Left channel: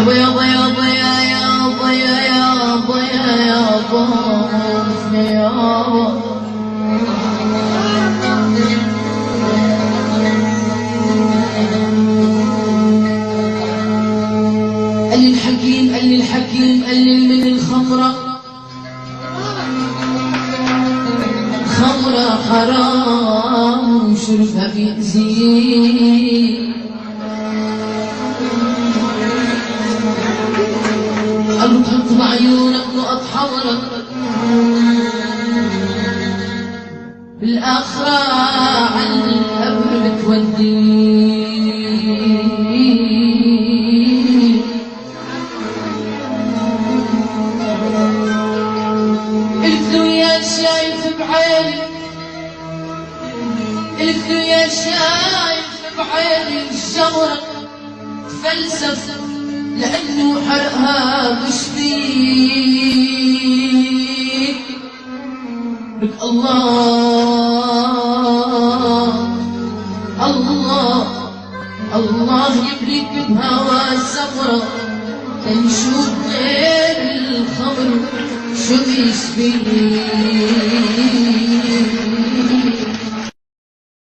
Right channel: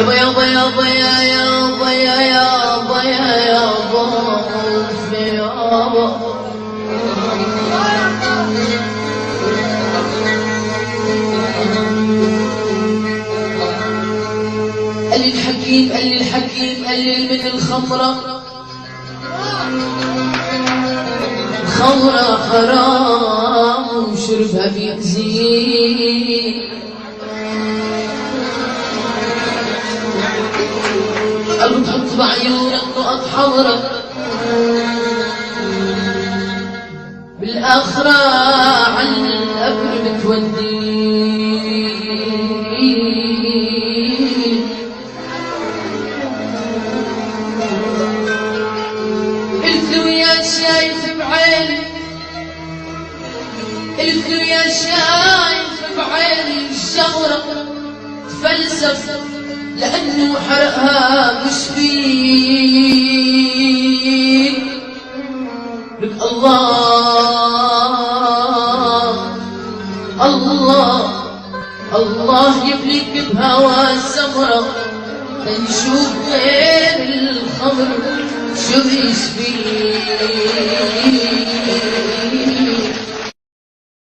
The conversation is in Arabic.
يابا يابا يابا يا يابا يا يابا يا يابا يابا قال الحكيم قال الحكيم قلل من الخمرة، الخمرة حرام وشربها بيأذيك. قال له تحط بعيونك نقط حمرا بالآخرة عن القبر بتوديك. قلت له يا شايف بعيني، قلت له يا شايف بعيني الشمرة تفلسف لأنه حرقها مش فيك. لك الله الله الله يبليك بهوى السمرة نشوف غير الخمر شو يشفيك.